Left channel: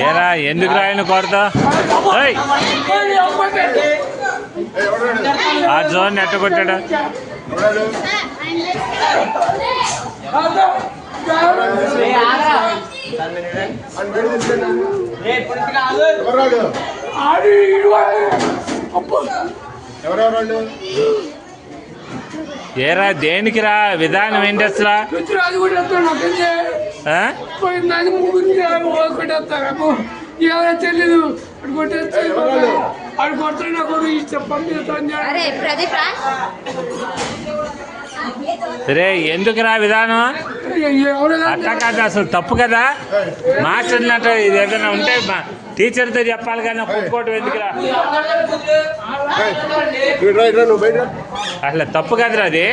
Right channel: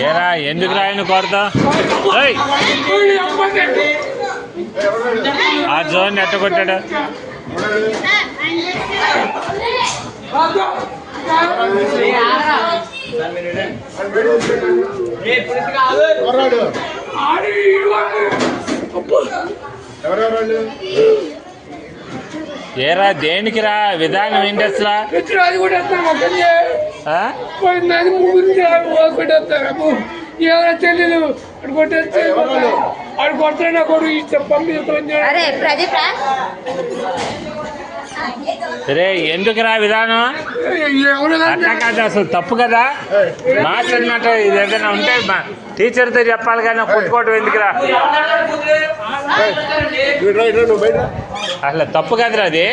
ఏరా ఎందుకు రాయను కొడతా ఆ జోన్ ఎట్ట కొట్టాడు ఏరా దేనికి రా విధానం ఏంటి అసలు తెలియదు అడు కొడతాడు కొడు పంపిస్తాను రే ఎందుకు రా విధానం అట్లా కాదు అసలు తప్పు కదా మాస్టర్ అన్నట్టు ఇది ఏదైనా ఉంటే టీచర్తో చెప్పాలి కానీ కొట్టుకోవటం ఎందుకురా అసలు తప్పు కదరా అది.